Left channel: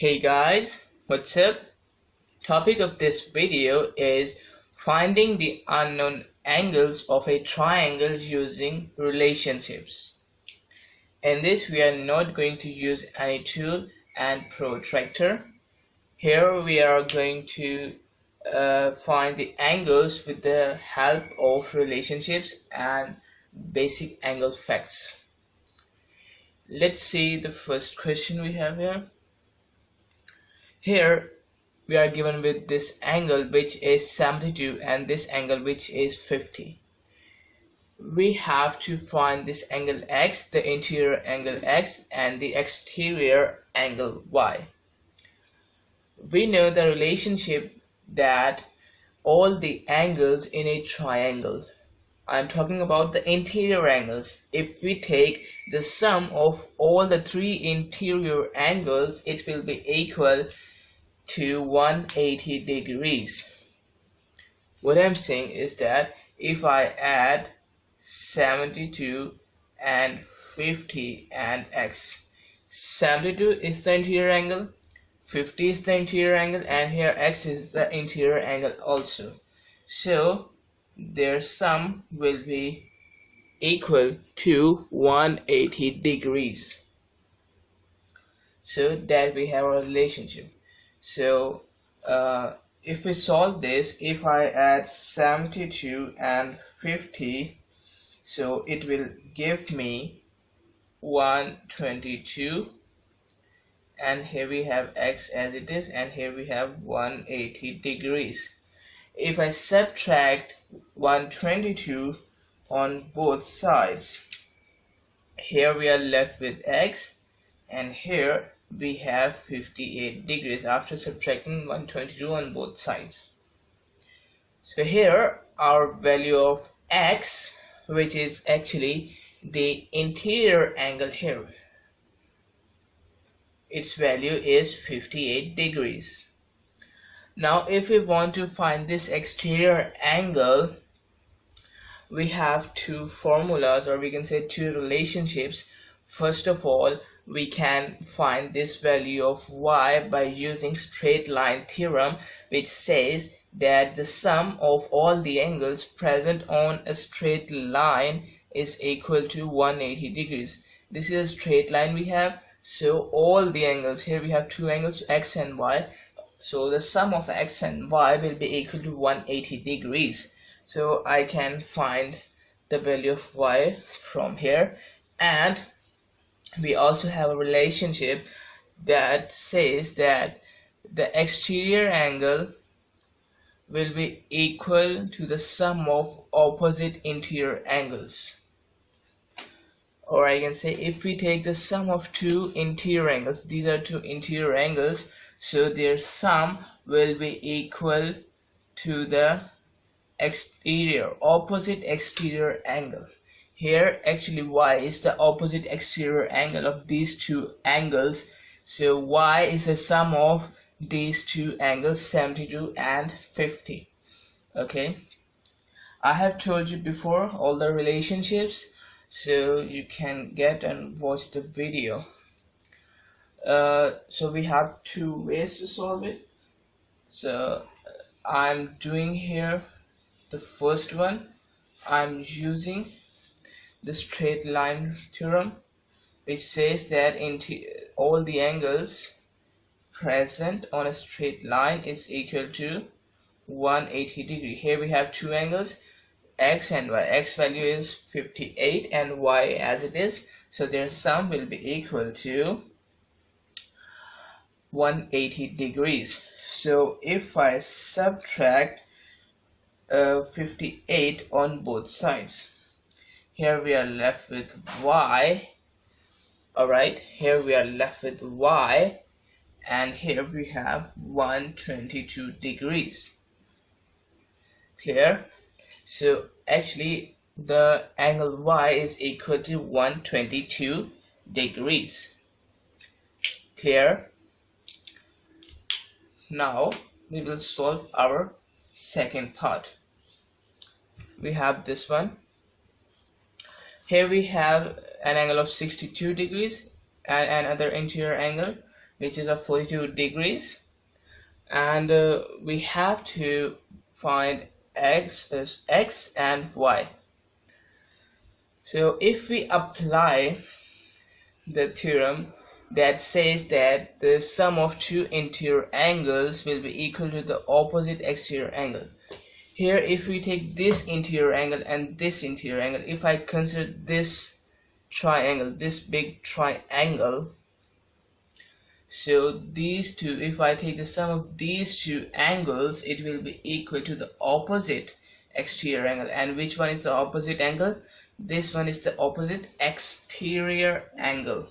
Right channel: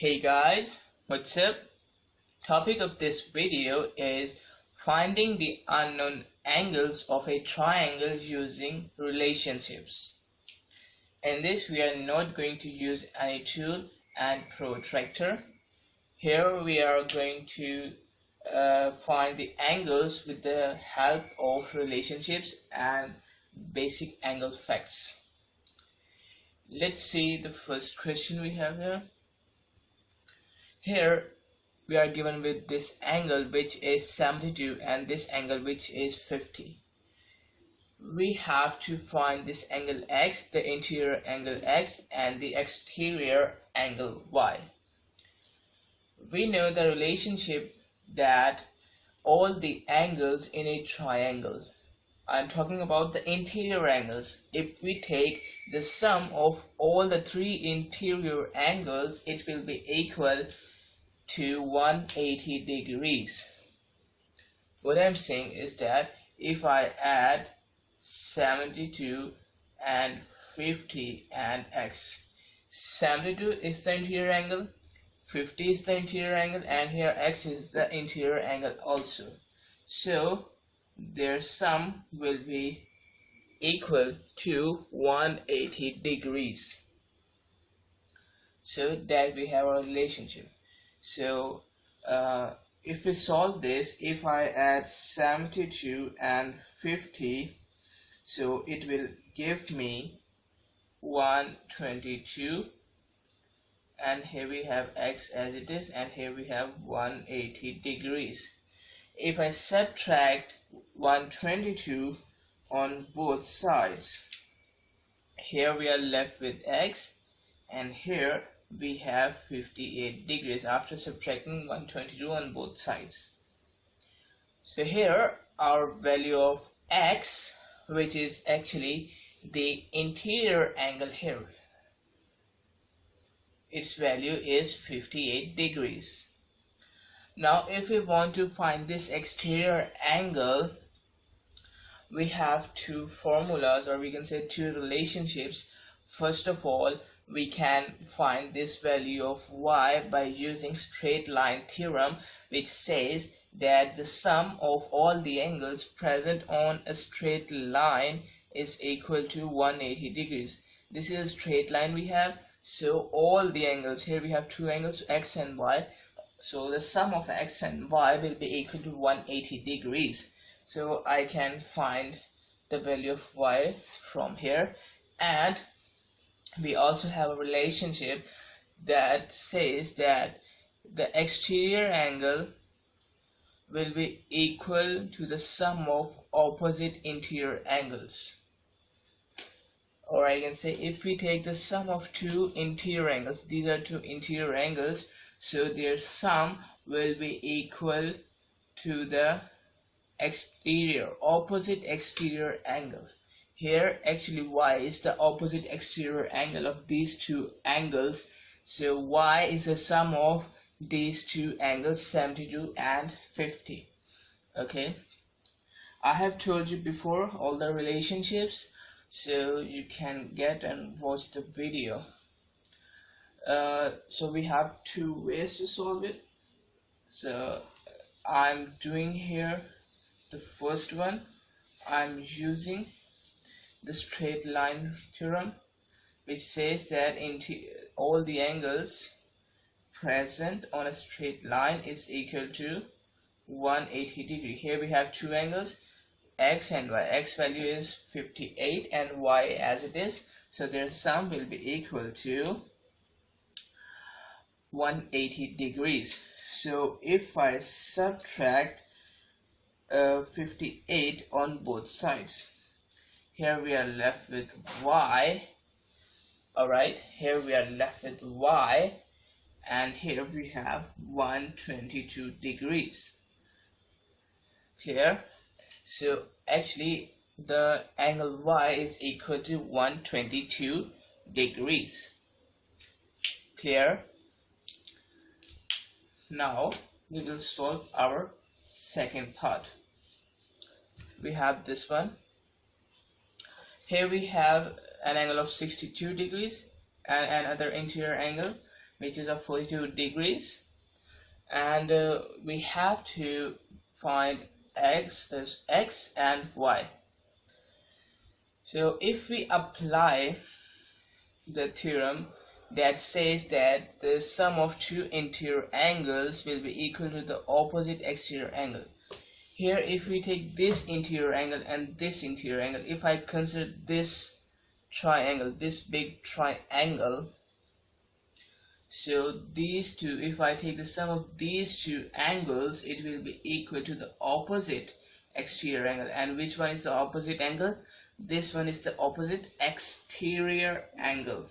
Hey guys, what's up? Topic of this video is finding the unknown angles of a triangle using relationships. In this we are not going to use any tool and protractor. Here we are going to find the angles with the help of relationships and basic angle facts. Let's see the first question we have here. Here we are given with this angle which is 72 and this angle which is 50. We have to find this angle x, the interior angle x, and the exterior angle y. We know the relationship that all the angles in a triangle, I'm talking about the interior angles. If we take the sum of all the three interior angles, it will be equal to 180 degrees. What I'm saying is that if I add 72 and 50 and x, 72 is the interior angle, 50 is the interior angle, and here x is the interior angle also. So their sum will be equal to 180 degrees. So that we have a relationship. So if we solve this, if I add 72 and 50, so it will give me 122, and here we have x as it is, and here we have 180 degrees. If I subtract 122 on both sides, here we are left with x, and here we have 58 degrees after subtracting 122 on both sides. So here our value of x, which is actually the interior angle here, its value is 58 degrees. Now if we want to find this exterior angle, we have two formulas, or we can say two relationships. First of all, we can find this value of y by using straight line theorem, which says that the sum of all the angles present on a straight line is equal to 180 degrees. This is a straight line we have, so all the angles, here we have two angles, x and y, so the sum of x and y will be equal to 180 degrees. So I can find the value of y from here, and we also have a relationship that says that the exterior angle will be equal to the sum of opposite interior angles. Or I can say, if we take the sum of two interior angles, these are two interior angles, so their sum will be equal to the opposite exterior angle. Here actually y is the opposite exterior angle of these two angles, so y is the sum of these two angles, 72 and 50. Okay, I have told you before all the relationships, so you can get and watch the video. So we have two ways to solve it. So I'm doing here the first one. I'm using the straight line theorem, which says that all the angles present on a straight line is equal to 180 degree. Here we have two angles, x and y. X value is 58 and y as it is, so their sum will be equal to 180 degrees. So if I subtract 58 on both sides, here we are left with y. Alright, here we are left with y, and here we have 122 degrees. Clear? So actually the angle y is equal to 122 degrees. Clear? Now we will solve our second part. We have this one. Here we have an angle of 62 degrees and another interior angle. which is of 42 degrees, and we have to find x and y. So if we apply the theorem that says that the sum of two interior angles will be equal to the opposite exterior angle. Here, if we take this interior angle and this interior angle, if I consider this triangle, this big triangle, so these two, if I take the sum of these two angles, it will be equal to the opposite exterior angle. And which one is the opposite angle? This one is the opposite exterior angle.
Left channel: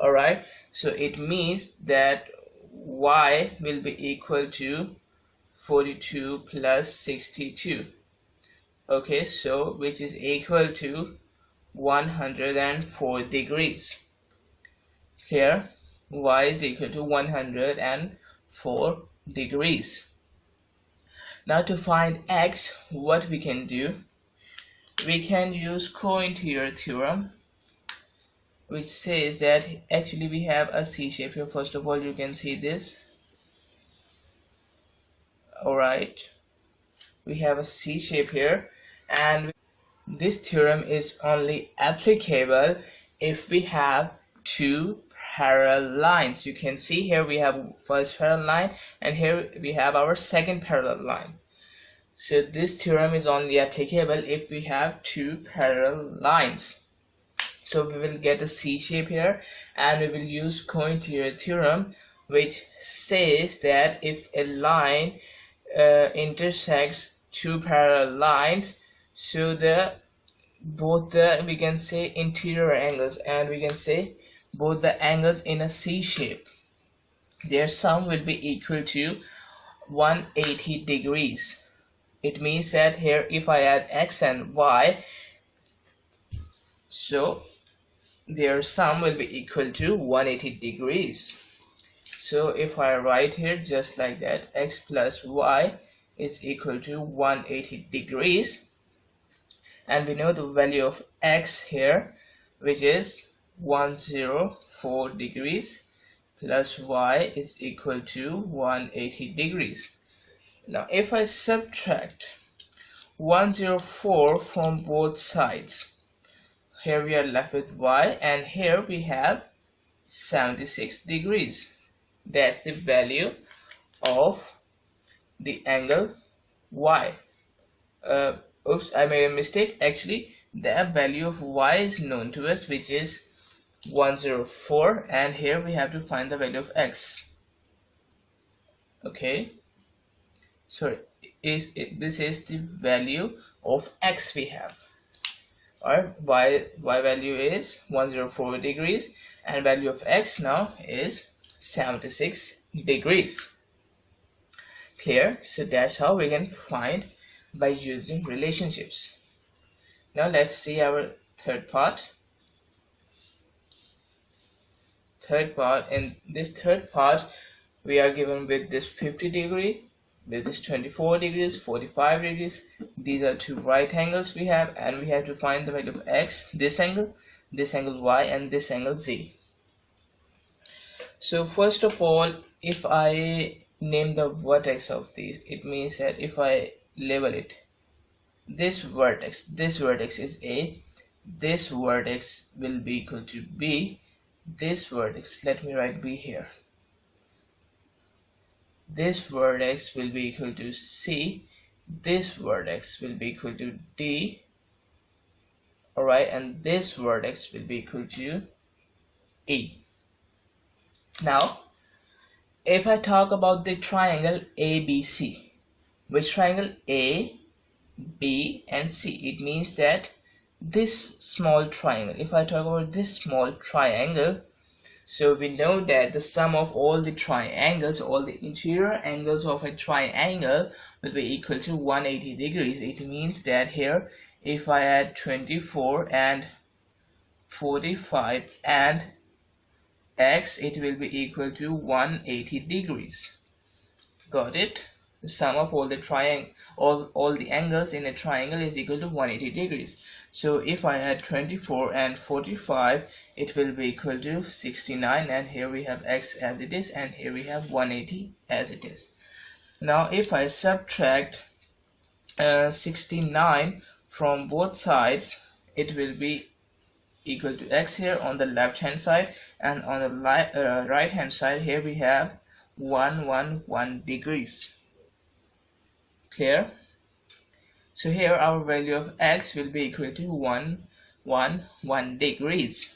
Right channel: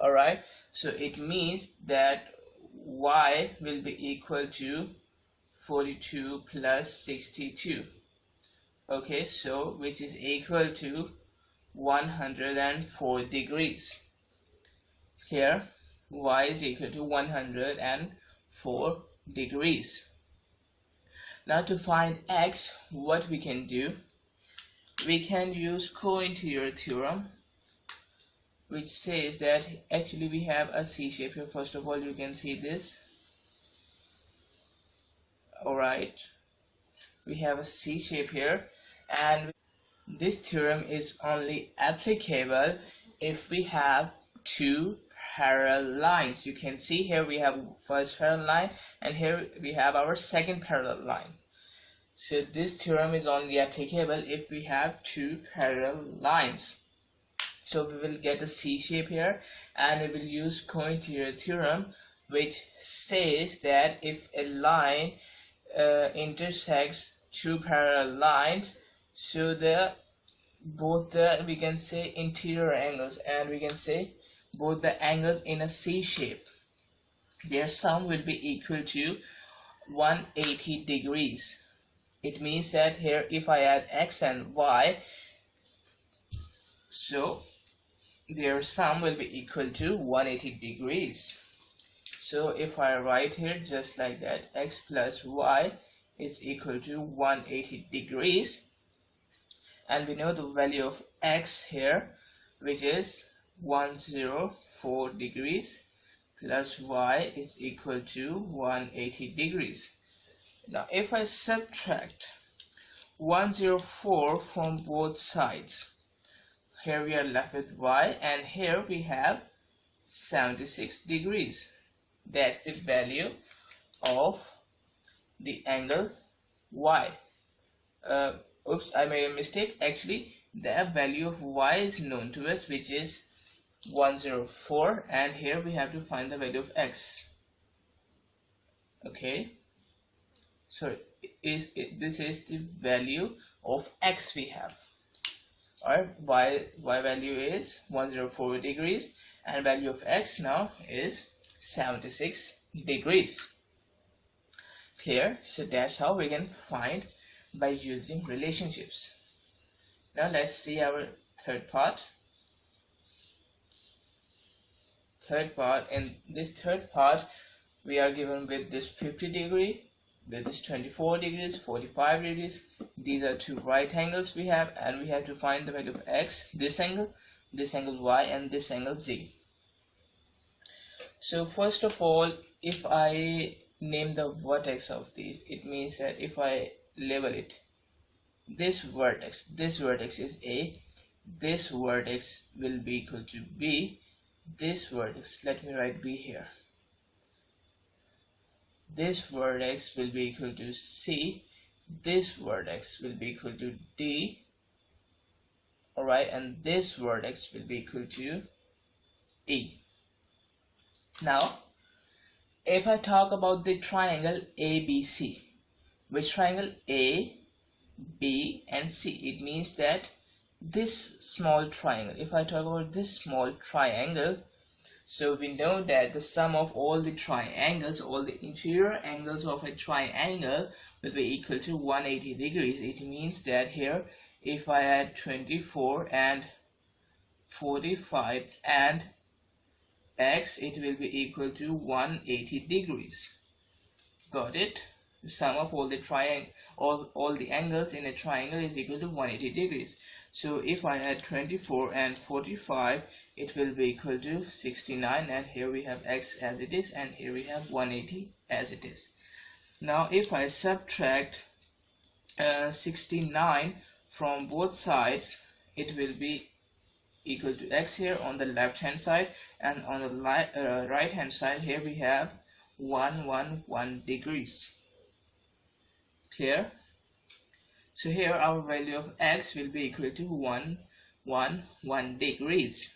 Alright, so it means that y will be equal to 42 plus 62. Okay, so which is equal to 104 degrees. Here y is equal to 104 degrees. Now to find x, what we can do, we can use co-interior theorem, which says that actually we have a C shape here. First of all, you can see this. Alright, we have a C shape here, and this theorem is only applicable if we have two parallel lines. You can see here we have first parallel line, and here we have our second parallel line. So this theorem is only applicable if we have two parallel lines. So we will get a C shape here, and we will use co-interior theorem, which says that if a line intersects two parallel lines, so both the we can say interior angles, and we can say both the angles in a C shape, their sum will be equal to 180 degrees. It means that here if I add x and y, so their sum will be equal to 180 degrees. So if I write here just like that, x plus y is equal to 180 degrees, and we know the value of x here, which is 104 degrees, plus y is equal to 180 degrees. Now if I subtract 104 from both sides, here we are left with y, and here we have 76 degrees. That's the value of the angle y. Oops, I made a mistake. Actually, the value of y is known to us, which is 104, and here we have to find the value of x. Okay, so this is the value of x we have. Our y value is 104 degrees, and value of x now is 76 degrees. Clear? So that's how we can find by using relationships. Now let's see our third part. In this third part, we are given with this 50 degree, with this 24 degrees, 45 degrees. These are two right angles we have, and we have to find the value of x, this angle y, and this angle z. So first of all, if I name the vertex of these, it means that if I label it, this vertex is A, this vertex will be equal to B, this vertex, let me write B here, this vertex will be equal to C, this vertex will be equal to D, alright, and this vertex will be equal to E. Now if I talk about the triangle ABC, which triangle A, B and C, it means that this small triangle, if I talk about this small triangle, so we know that the sum of all the triangles, all the interior angles of a triangle will be equal to 180 degrees. It means that here if I add 24 and 45 and x, it will be equal to 180 degrees. Got it? The sum of all the all the angles in a triangle is equal to 180 degrees. So if I add 24 and 45, it will be equal to 69, and here we have x as it is, and here we have 180 as it is. Now if I subtract 69 from both sides, it will be equal to x here on the left hand side, and on the right hand side here we have 111 degrees. Clear? So here our value of x will be equal to 111 degrees.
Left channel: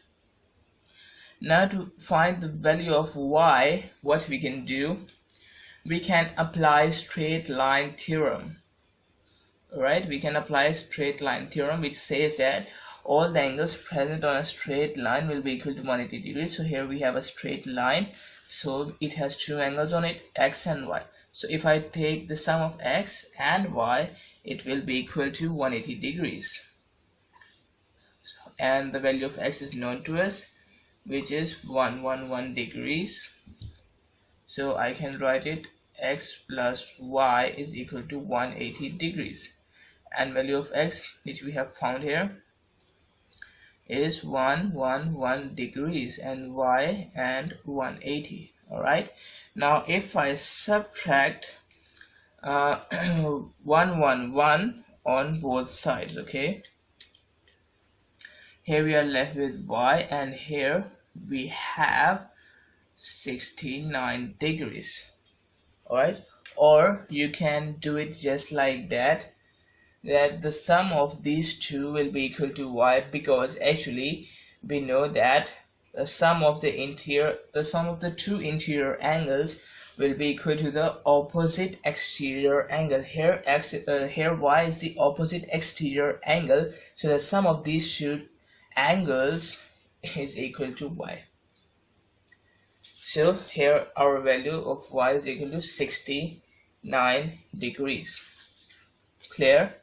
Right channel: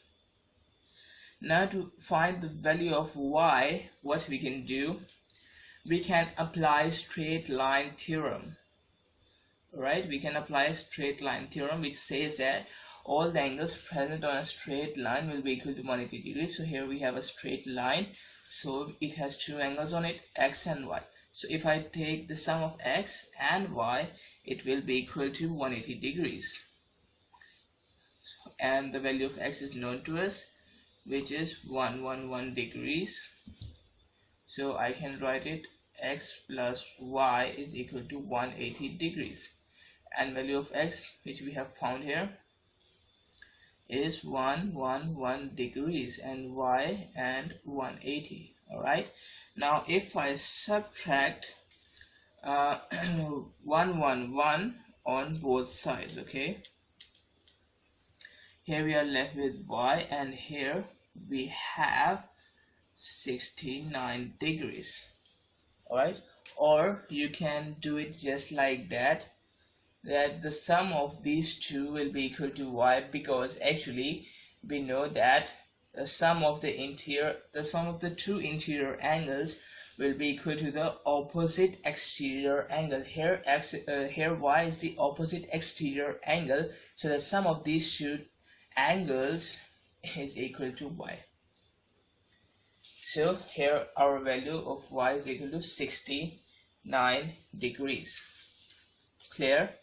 Now to find the value of y, what we can do, we can apply straight line theorem. Right, we can apply straight line theorem, which says that all the angles present on a straight line will be equal to 180 degrees. So here we have a straight line, so it has two angles on it, x and y. So if I take the sum of x and y, it will be equal to 180 degrees, and the value of x is known to us, which is 111 degrees. So I can write it x plus y is equal to 180 degrees, and value of x, which we have found here, is 111 degrees, and y and 180. Alright, now if I subtract 111 on both sides, okay, here we are left with y, and here we have 69 degrees. Alright, or you can do it just like that the sum of these two will be equal to y, because actually we know that the sum of the two interior angles will be equal to the opposite exterior angle. Here y is the opposite exterior angle, so the sum of these two angles is equal to y. So here our value of y is equal to 69 degrees. Clear?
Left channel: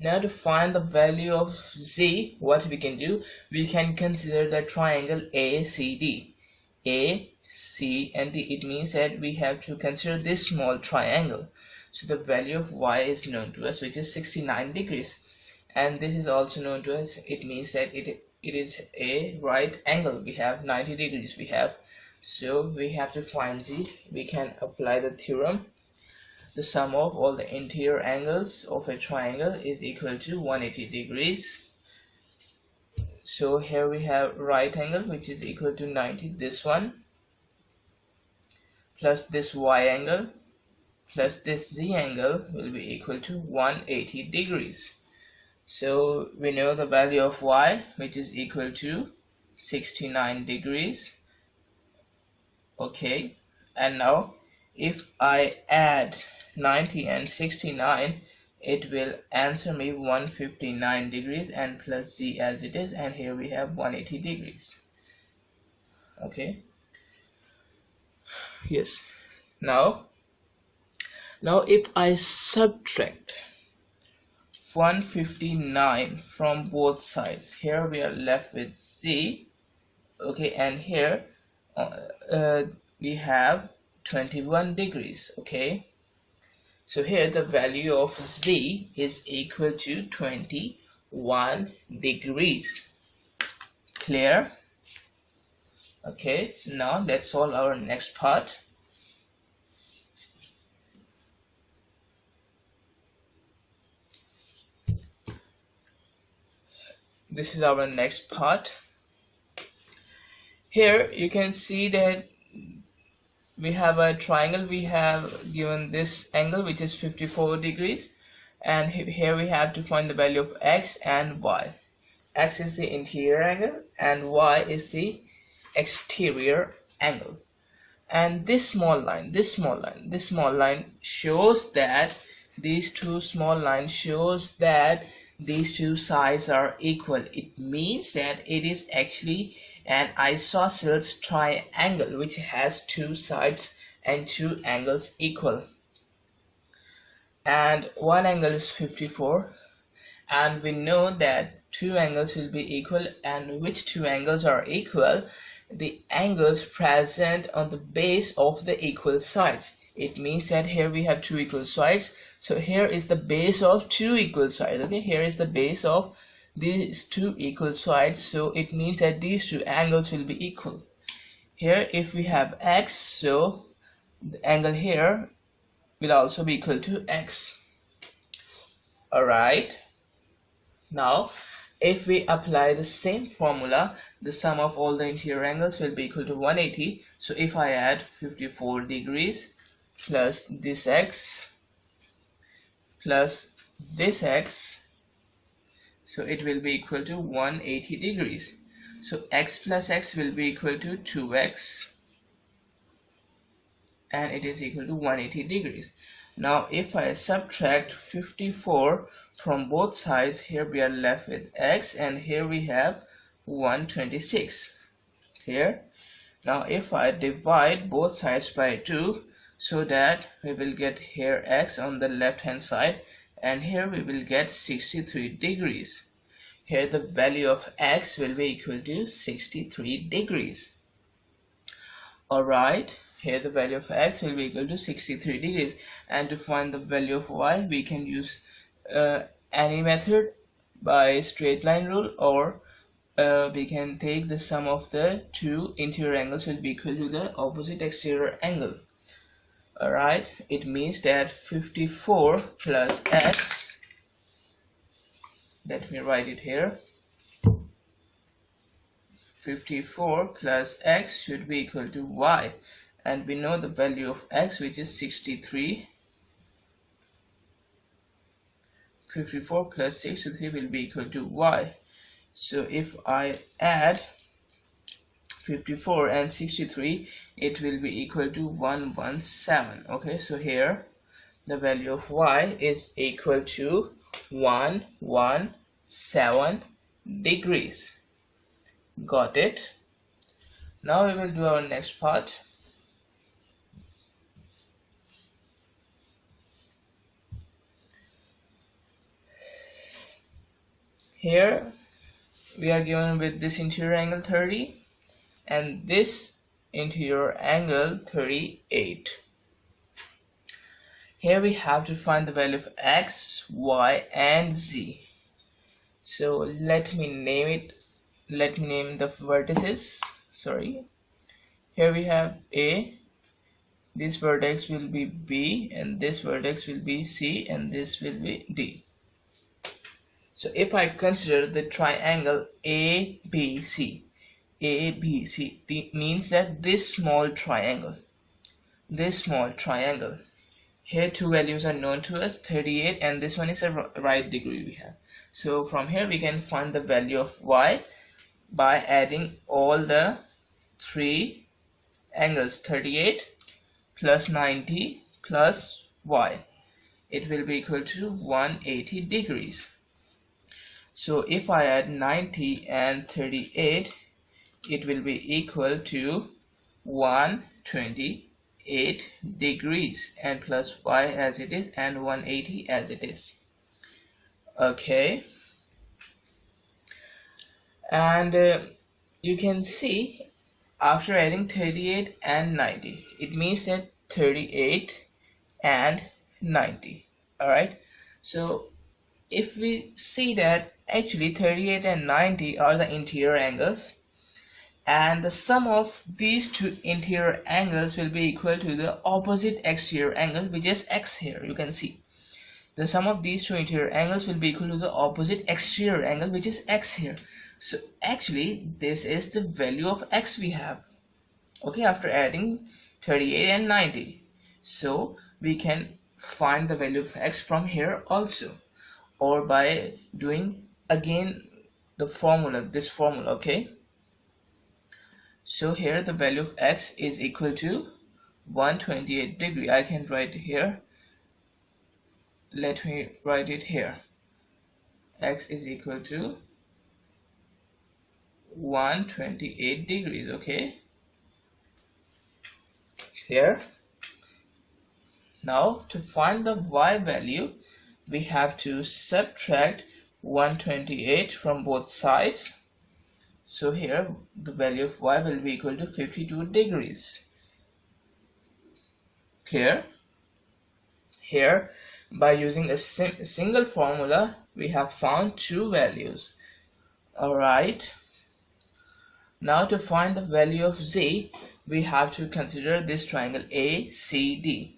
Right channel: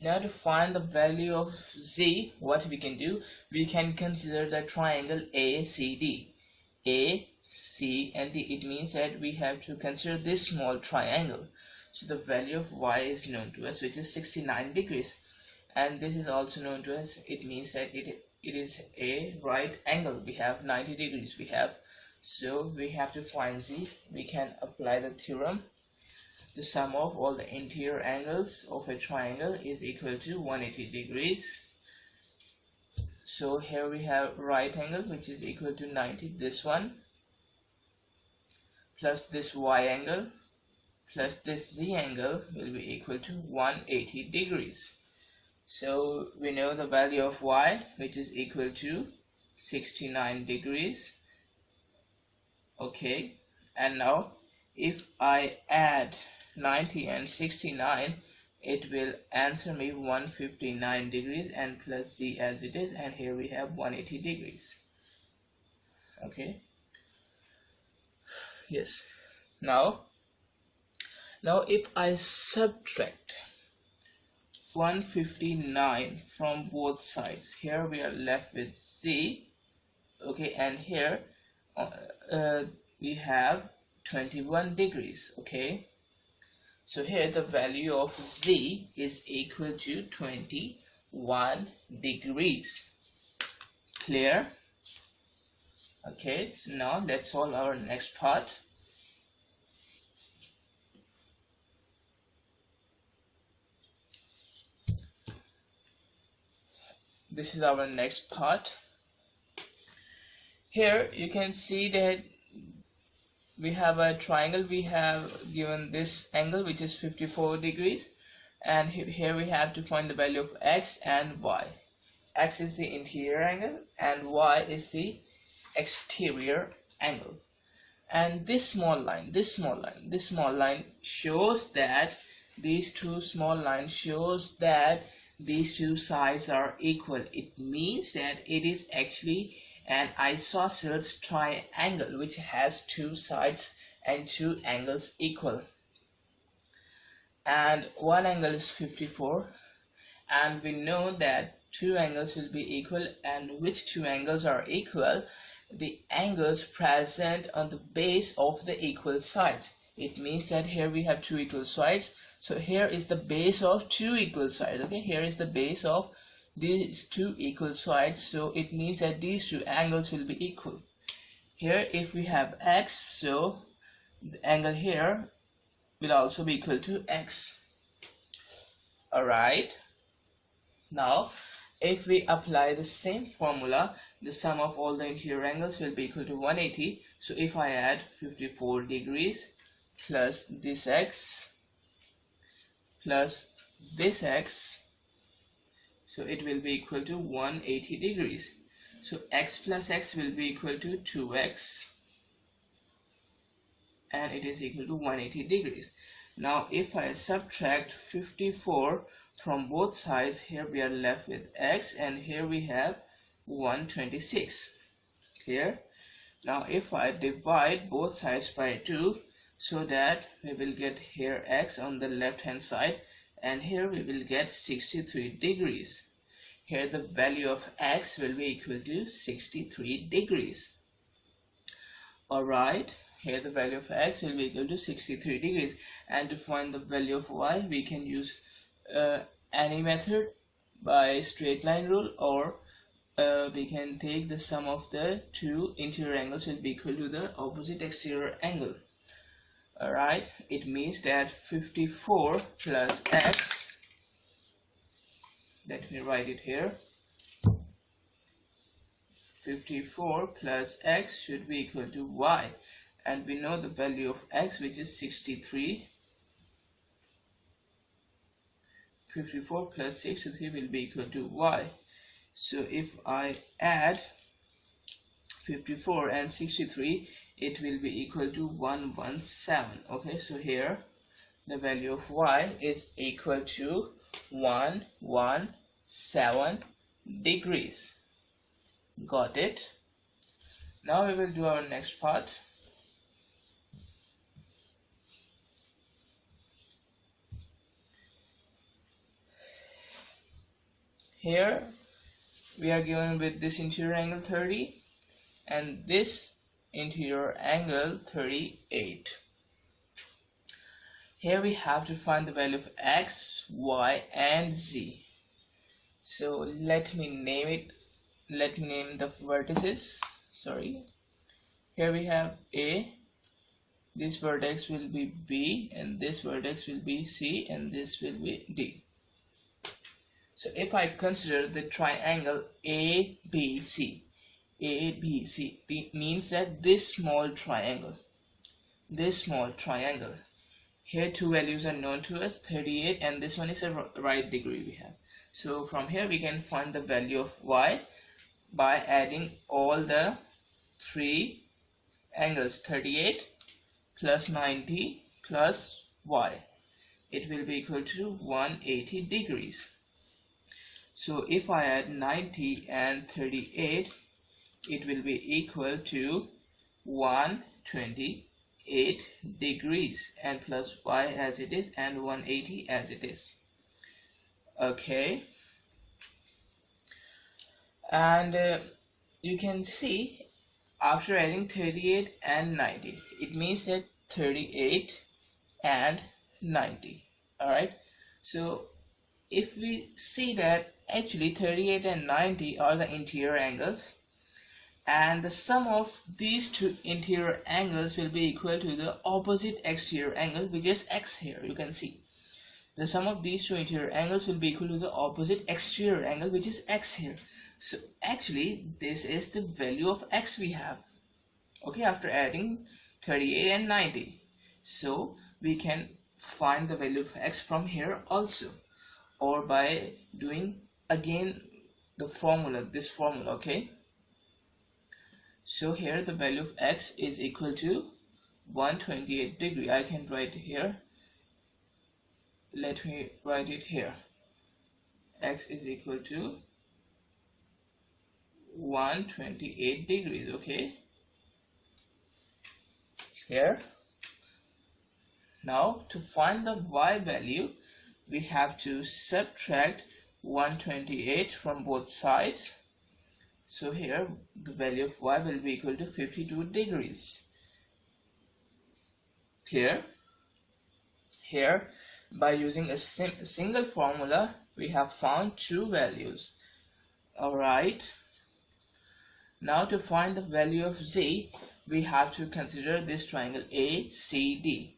Now to find the value of z, what we can do, we can consider the triangle ACD. A, C and D. It means that we have to consider this small triangle. So the value of y is known to us, which is 69 degrees, and this is also known to us. It means that it is a right angle. We have 90 degrees we have. So we have to find z. We can apply the theorem. The sum of all the interior angles of a triangle is equal to 180 degrees. So here we have right angle, which is equal to 90, this one, plus this y angle, plus this z angle will be equal to 180 degrees. So we know the value of y, which is equal to 69 degrees. Okay, and now if I add 90 and 69, it will answer me 159 degrees, and plus z as it is, and here we have 180 degrees. Okay, yes. Now if I subtract 159 from both sides, here we are left with z. Okay, and here we have 21 degrees. Okay, so here the value of z is equal to 21 degrees. Clear? Okay, so now let's solve our next part. This is our next part. Here you can see that we have a triangle. We have given this angle, which is 54 degrees, and here we have to find the value of x and y. X is the interior angle and y is the exterior angle. And this small line shows that these two small lines shows that these two sides are equal. It means that it is actually an isosceles triangle which has two sides and two angles equal, and one angle is 54, and we know that two angles will be equal. And which two angles are equal? The angles present on the base of the equal sides. It means that here we have two equal sides, So here is the base of two equal sides. Okay, here is the base of these two equal sides, so it means that these two angles will be equal. Here if we have x, so the angle here will also be equal to x. Alright, now if we apply the same formula, the sum of all the interior angles will be equal to 180. So if I add 54 degrees plus this x plus this x, so it will be equal to 180 degrees. So x plus x will be equal to 2x, and it is equal to 180 degrees. Now if I subtract 54 from both sides, here we are left with x, and here we have 126. Here, now if I divide both sides by 2, so that we will get here x on the left hand side, and here we will get 63 degrees. Here the value of x will be equal to 63 degrees. Alright, here the value of x will be equal to 63 degrees, and to find the value of y we can use any method by straight line rule, or we can take the sum of the two interior angles will be equal to the opposite exterior angle. Alright, it means that 54 plus x, let me write it here, 54 plus x should be equal to y, and we know the value of x, which is 63. 54 plus 63 will be equal to y. So if I add 54 and 63, it will be equal to 117. Okay, so here the value of y is equal to 117 degrees. Got it? Now we will do our next part. Here we are given with this interior angle 30 and this interior angle 38. Here we have to find the value of x, y and z. So let me name the vertices. Here we have A, this vertex will be B, and this vertex will be C, and this will be D. So if I consider the triangle ABC, it means that this small triangle, here two values are known to us, 38, and this one is a right degree we have. So from here we can find the value of y by adding all the three angles, 38 plus 90 plus y. It will be equal to 180 degrees. So if I add 90 and 38, it will be equal to 128 degrees, and plus y as it is, and 180 as it is. Okay, and you can see after adding 38 and 90, it means that 38 and 90. Alright, so if we see that actually 38 and 90 are the interior angles, and the sum of these two interior angles will be equal to the opposite exterior angle, which is x. Here you can see the sum of these two interior angles will be equal to the opposite exterior angle, which is x here. So actually this is the value of x we have, okay, after adding 38 and 90. So we can find the value of x from here also, or by doing again the formula, this formula. Okay, so here the value of x is equal to 128 degree. I can write here, let me write it here, x is equal to 128 degrees. Okay, here now to find the y value, we have to subtract 128 from both sides. So here the value of y will be equal to 52 degrees. Here by using a single formula we have found two values. Alright, now to find the value of z, we have to consider this triangle ACD.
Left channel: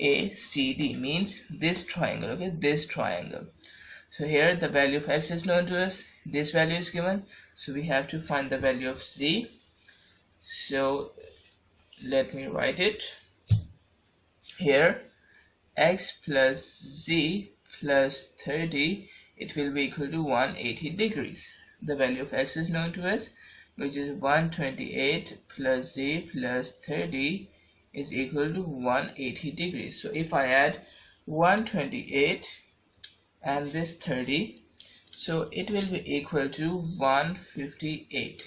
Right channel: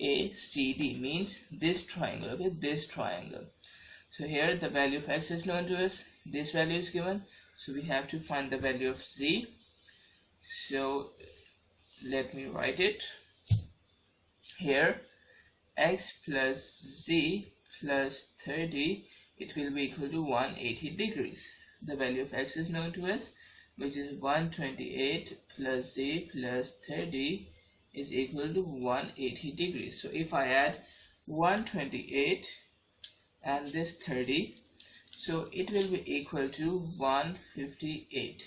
ACD means this triangle, okay, this triangle. So here the value of x is known to us, this value is given, so we have to find the value of z. So let me write it here. X plus z plus 30, it will be equal to 180 degrees. The value of x is known to us, which is 128 plus z plus 30 is equal to 180 degrees. So if I add 128 and this 30, so it will be equal to 158.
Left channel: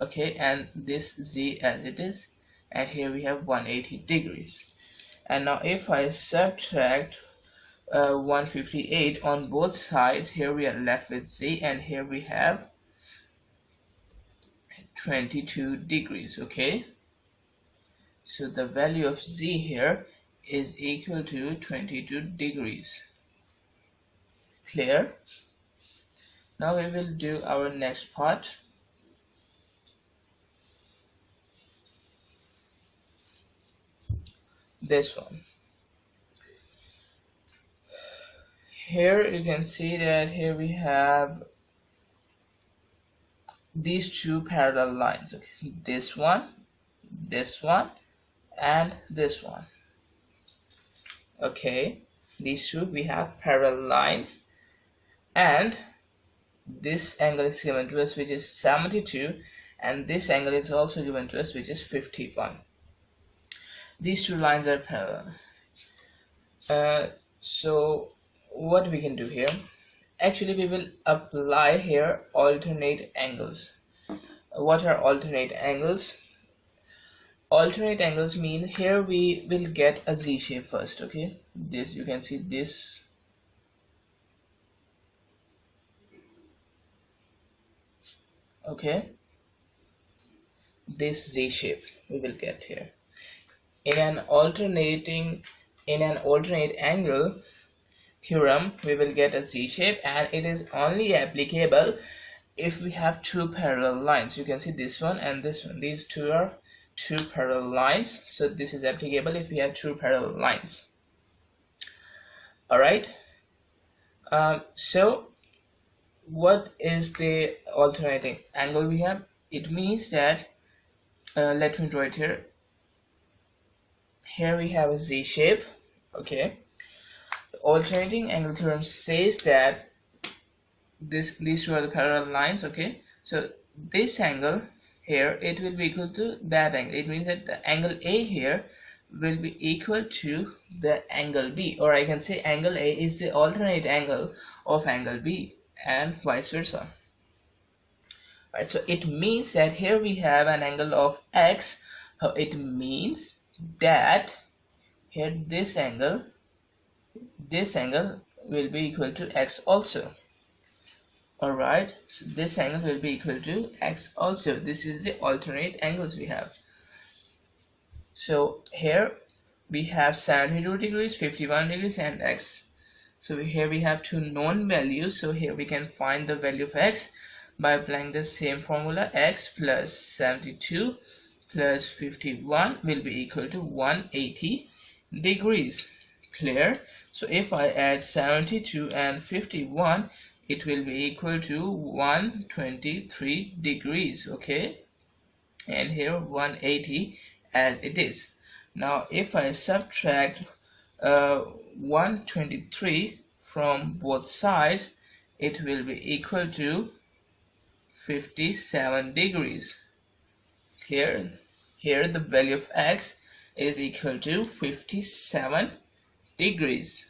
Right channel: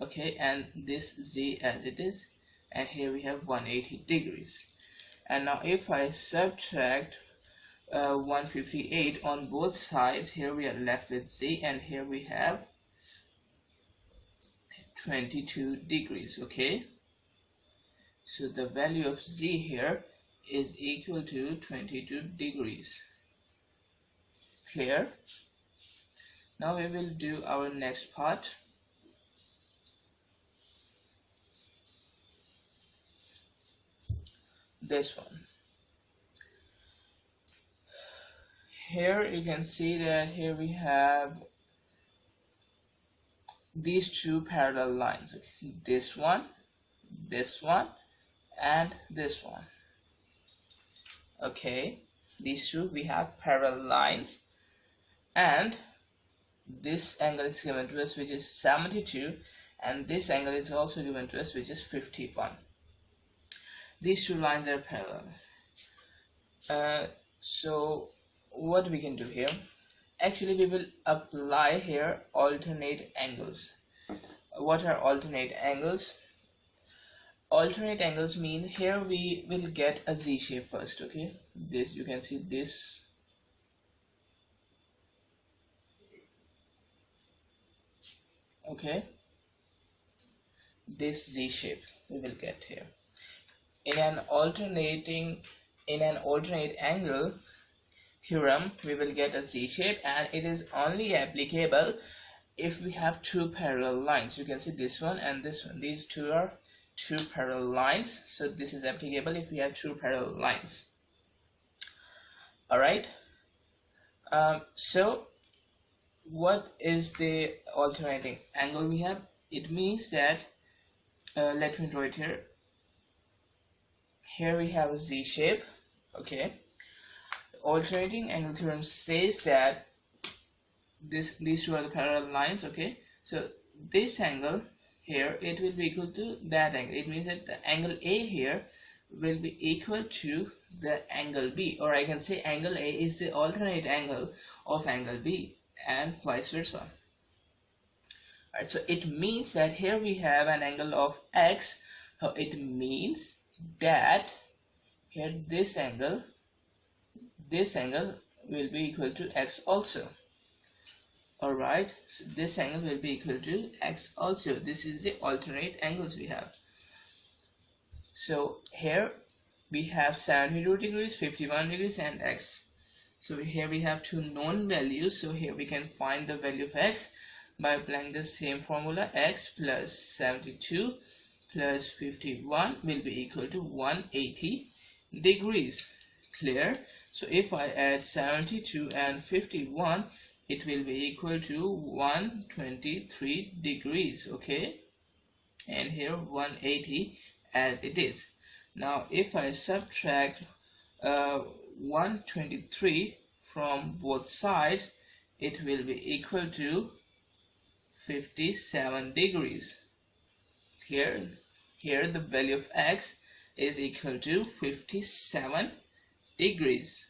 Okay, and this z as it is, and here we have 180 degrees. And now if I subtract 158 on both sides, here we are left with z, and here we have 22 degrees. Okay, so the value of z here is equal to 22 degrees. Clear? Now we will do our next part. This one. Here you can see that here we have these two parallel lines. Okay, this one, and this one. Okay, these two we have parallel lines, and this angle is given to us, which is 72, and this angle is also given to us, which is 51. These two lines are parallel. So what we can do here, actually we will apply here alternate angles. What are alternate angles? Alternate angles mean here we will get a Z shape first. Okay, this you can see this. Okay, this Z shape we will get here. In an alternate angle theorem, we will get a Z shape, and it is only applicable if we have two parallel lines. You can see this one and this one. These two are two parallel lines, so this is applicable if we have two parallel lines. Alright, so what is the alternating angle we have? It means that let me draw it here. Here we have a Z shape. Okay, the alternating angle theorem says that these two are the parallel lines. Okay, so this angle here, it will be equal to that angle. It means that the angle A here will be equal to the angle B, or I can say angle A is the alternate angle of angle B, and vice versa. Right, so it means that here we have an angle of X. So it means that here this angle will be equal to X also. Alright, so this angle will be equal to X also. This is the alternate angles we have. So here we have 72 degrees, 51 degrees, and X. So here we have two known values. So here we can find the value of X by applying the same formula. X plus 72 plus 51 will be equal to 180 degrees. Clear? So if I add 72 and 51, it will be equal to 123 degrees. Okay, and here 180 as it is. Now if I subtract 123 from both sides, it will be equal to 57 degrees. Here the value of X is equal to 57 degrees.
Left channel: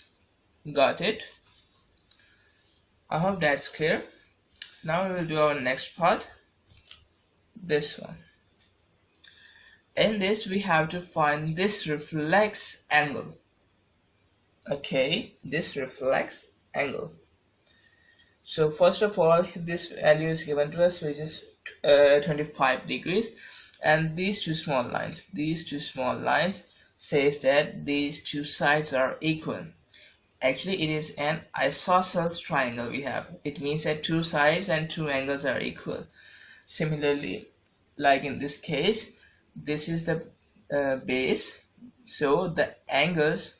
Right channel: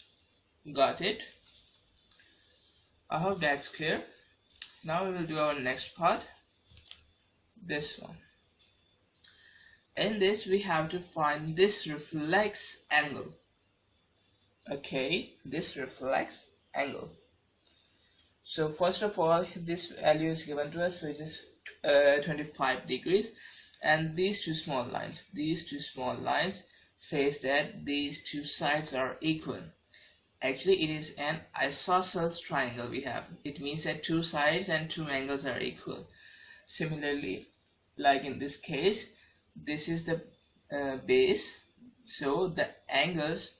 Got it? I hope that's clear. Now we will do our next part, this one. In this we have to find this reflex angle. Okay, this reflex angle. So first of all, this value is given to us, which is 25 degrees, and these two small lines says that these two sides are equal. actually it is an isosceles triangle we have. It means that two sides and two angles are equal. Similarly, like in this case, this is the base, so the angles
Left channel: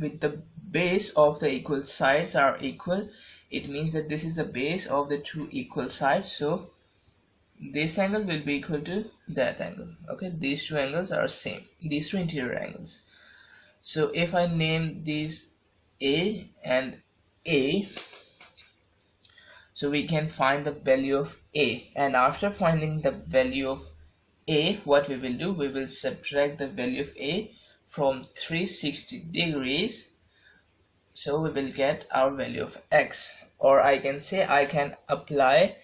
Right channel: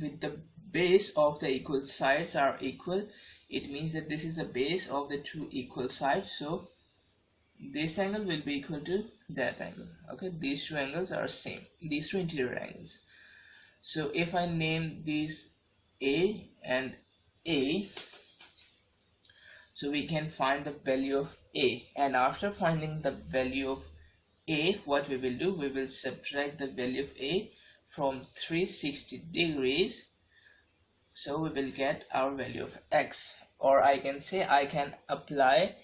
with the base of the equal sides are equal. It means that this is the base of the two equal sides, so this angle will be equal to that angle. Okay, these two angles are same, these two interior angles. So if I name these A and A, so we can find the value of A, and after finding the value of A, what we will do, we will subtract the value of A from 360 degrees, so we will get our value of X. Or I can say I can apply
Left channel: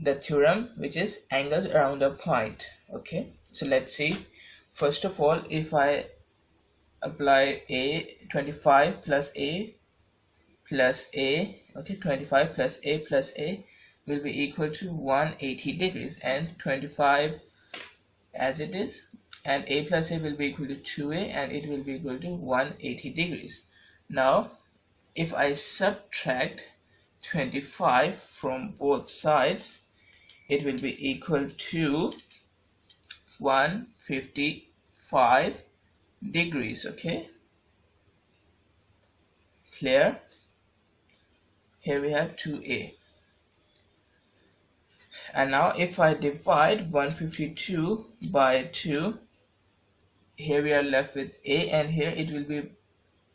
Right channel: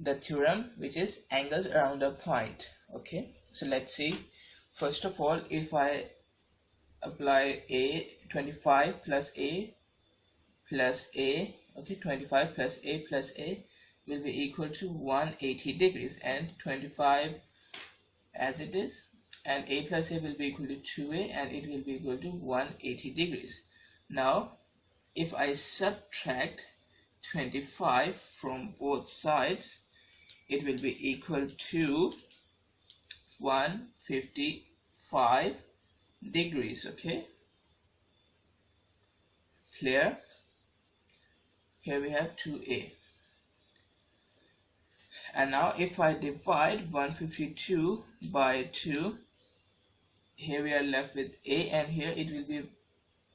the theorem which is angles around a point. Okay, so let's see. First of all, if I apply A, 25 plus A plus A, okay, 25 plus A plus A will be equal to 180 degrees, and 25 as it is, and A plus A will be equal to 2A, and it will be equal to 180 degrees. Now if I subtract 25 from both sides, it will be equal to 155 degrees. Okay, clear? Here we have 2A, and now if I divide 152 by 2, here we are left with A, and here it will be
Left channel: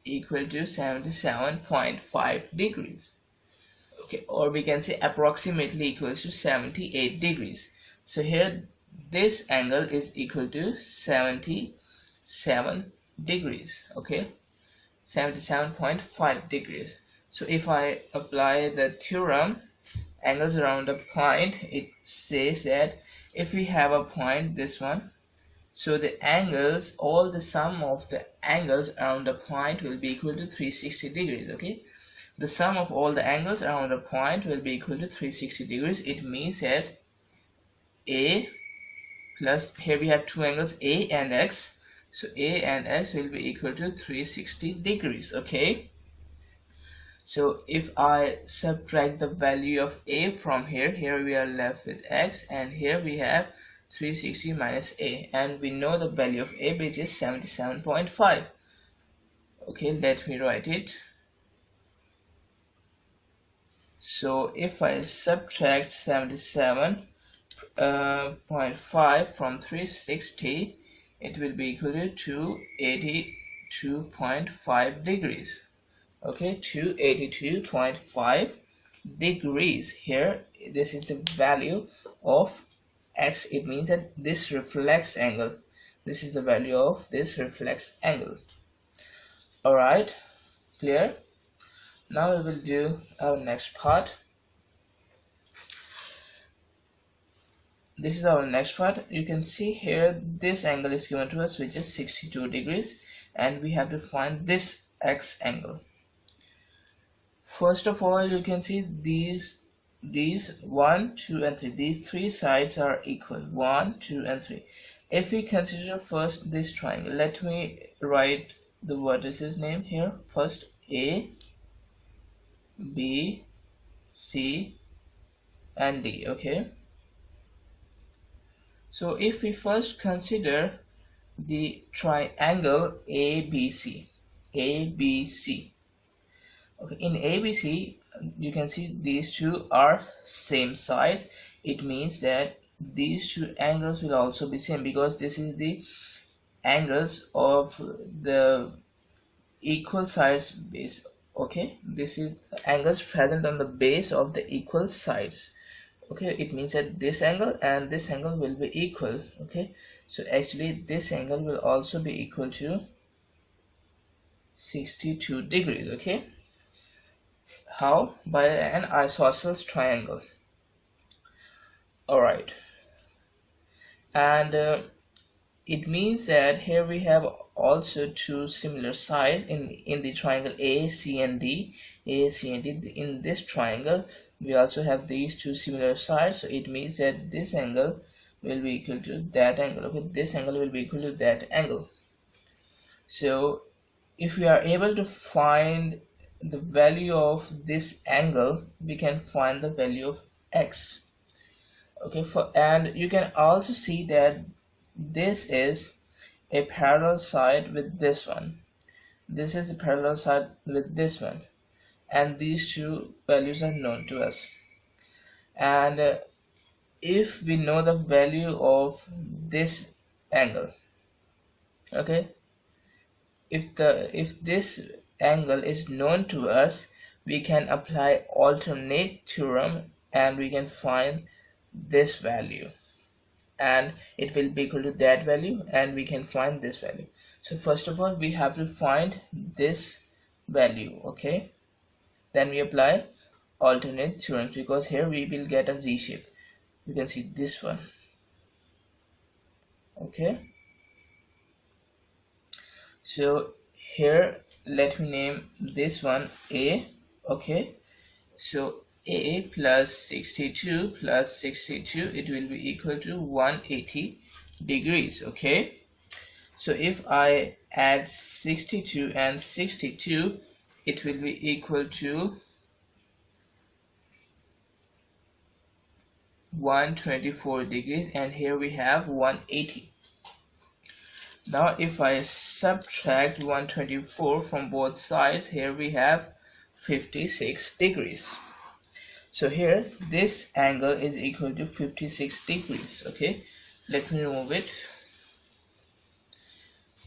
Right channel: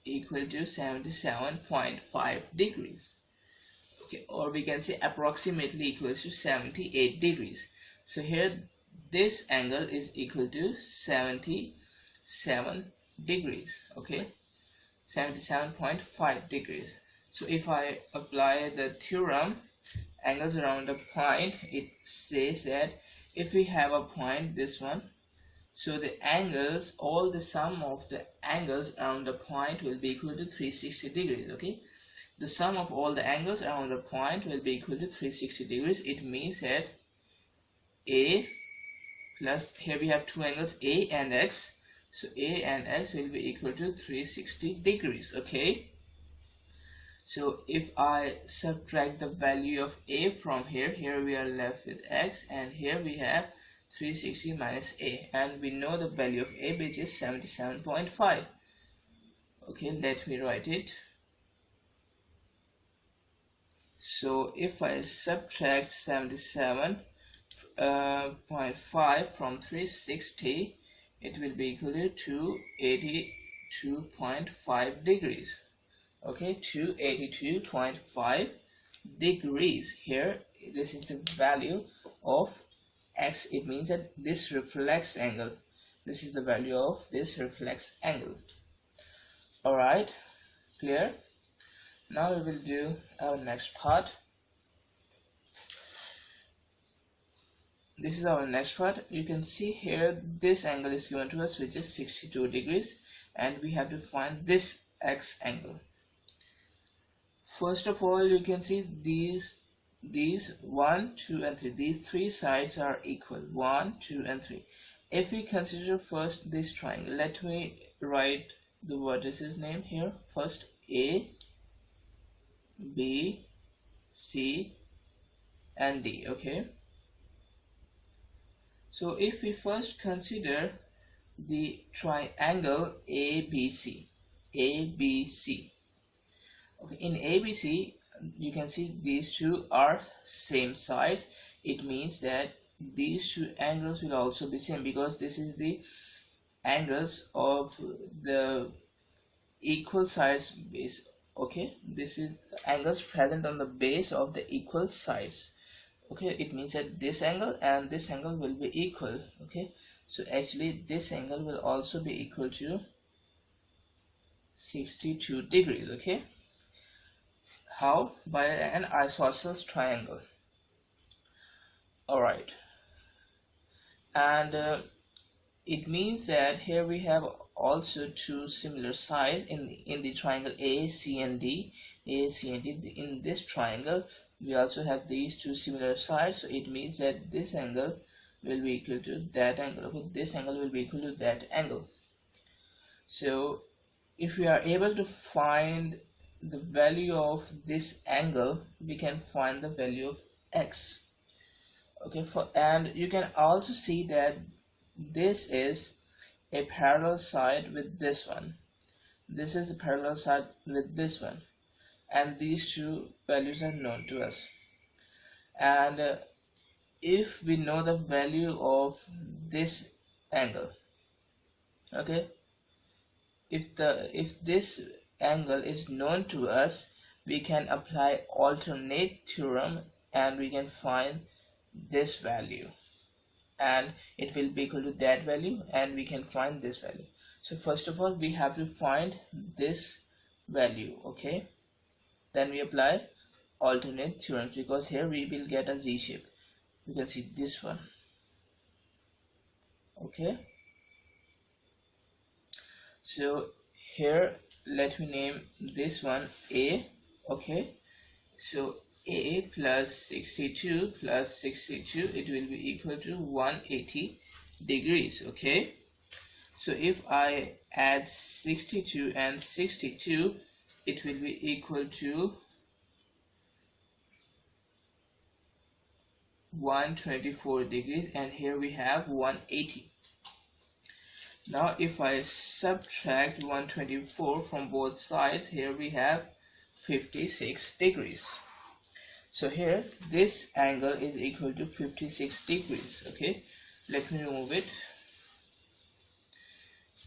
equal to 77.5 degrees. Okay, or we can say approximately equals to 78 degrees. So here this angle is equal to 77 degrees. Okay, 77.5 degrees. So if I apply the theorem angles around a point, it says that if we have a point, this one, so the angles, all the sum of the angles around the point will be equal to 360 degrees. Okay, the sum of all the angles around the point will be equal to 360 degrees. It means that A plus, here we have two angles A and X, so A and X will be equal to 360 degrees. Okay, so if I subtract the value of A from here, here we are left with X, and here we have 360 minus A, and we know the value of A, which is 77.5. okay, let me write it. So if I subtract 77.5 from 360, it will be equal to 282.5 degrees. Okay, 282.5 degrees. Here this is the value of X. It means that this reflex angle, this is the value of this reflex angle. Alright, clear? Now we will do our next part. This is our next part. You can see here this angle is given to us, which is 62 degrees, and we have to find this X angle. First of all, you can see these 1, 2 and 3, these three sides are equal, 1, 2 and 3. If we consider first this triangle, let me write the vertices name here. First A, B, C and D. Okay, so if we first consider the triangle ABC, okay, in ABC you can see these two are same sides. It means that these two angles will also be same, because this is the angles of the equal sides base. Okay, this is angles present on the base of the equal sides. Okay, it means that this angle and this angle will be equal. Okay, so actually this angle will also be equal to 62 degrees. Okay, how? By an isosceles triangle. Alright, and it means that here we have also two similar sides in the triangle A, C and D. In this triangle we also have these two similar sides, so it means that this angle will be equal to that angle. Okay, this angle will be equal to that angle. So if we are able to find the value of this angle, we can find the value of x. Okay, and you can also see that this is a parallel side with this one. This is a parallel side with this one, and these two values are known to us. And if we know the value of this angle, okay, if this angle is known to us, we can apply alternate theorem and we can find this value, and it will be equal to that value, and we can find this value. So first of all, we have to find this value, okay, then we apply alternate theorems, because here we will get a z shape. You can see this one, okay. So here let me name this one A, okay. So A plus 62 plus 62, it will be equal to 180 degrees, okay. So if I add 62 and 62, it will be equal to 124 degrees, and here we have 180. Now if I subtract 124 from both sides, here we have 56 degrees. So here this angle is equal to 56 degrees, okay. Let me remove it.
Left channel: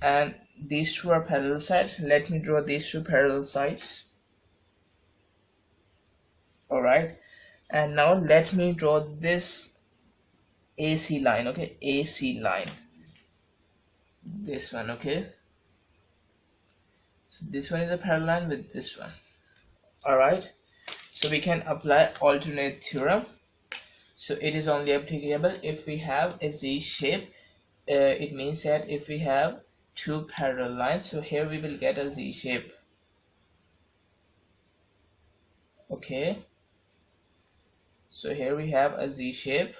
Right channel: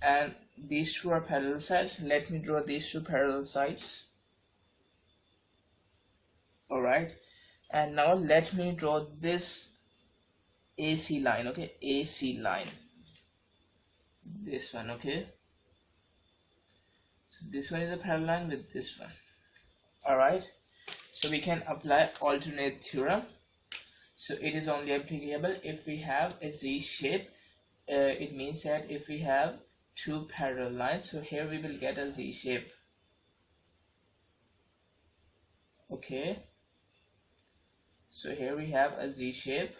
And these two are parallel sides. Let me draw these two parallel sides. Alright, and now let me draw this AC line, okay, AC line, this one, okay. So this one is a parallel line with this one. Alright, so we can apply alternate theorem. So it is only applicable if we have a Z shape. It means that if we have two parallel lines, so here we will get a Z shape, okay. So here we have a Z shape,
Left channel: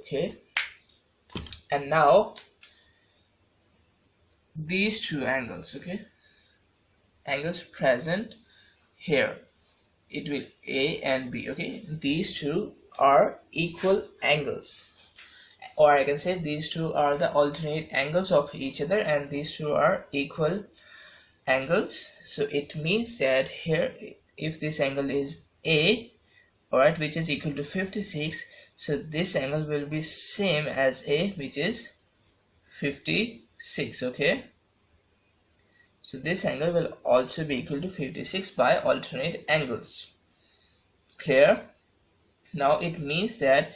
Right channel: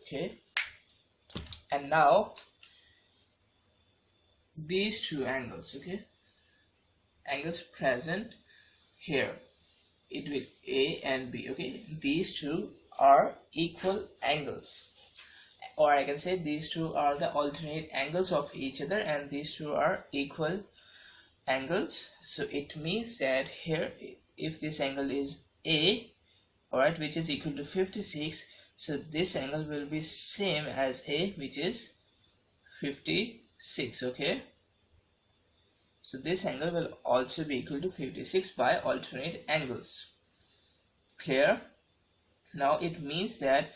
okay. And now these two angles, okay, angles present here, it will A and B, okay. These two are equal angles, or I can say these two are the alternate angles of each other, and these two are equal angles. So it means that here, if this angle is A, alright, which is equal to 56, so this angle will be same as A, which is 56, okay. So this angle will also be equal to 56 by alternate angles. Clear? Now it means that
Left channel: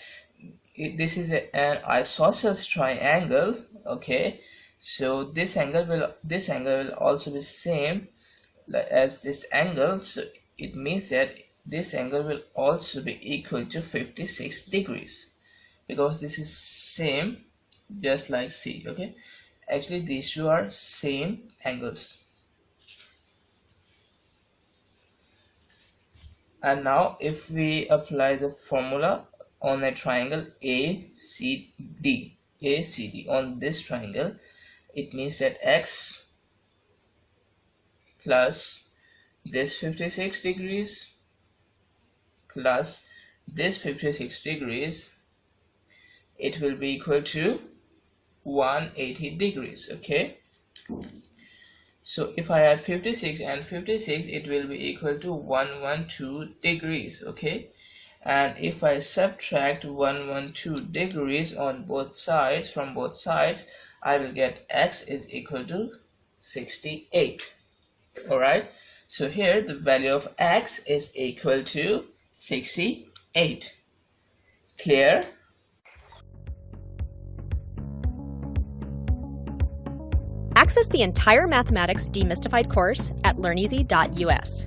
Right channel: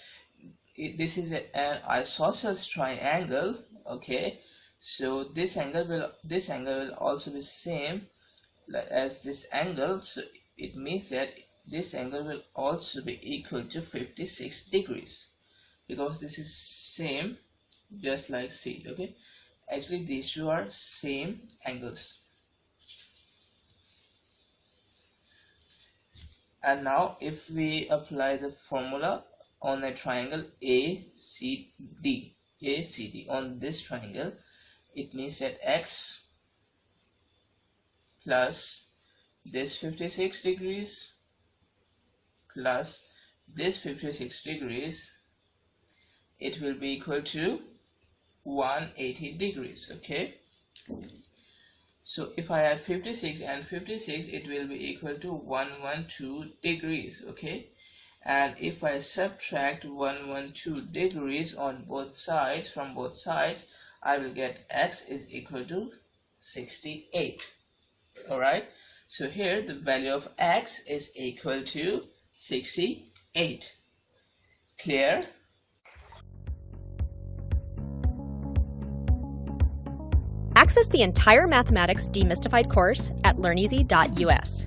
this is an isosceles triangle, okay. So this angle will also be same as this angle, so it means that this angle will also be equal to 56 degrees, because this is same just like C, okay. Actually these two are same angles. And now if we apply the formula on a triangle ACD, on this triangle, it means that x plus this 56 degrees plus this 56 degrees, it will be equal to 180 degrees, okay. So if I add 56 and 56, it will be equal to 112 degrees, okay. And if I subtract 112 degrees on both sides, from both sides, I will get x is equal to 68. Alright, so here the value of x is equal to 68. Clear? Access the entire Mathematics Demystified course at learneasy.us.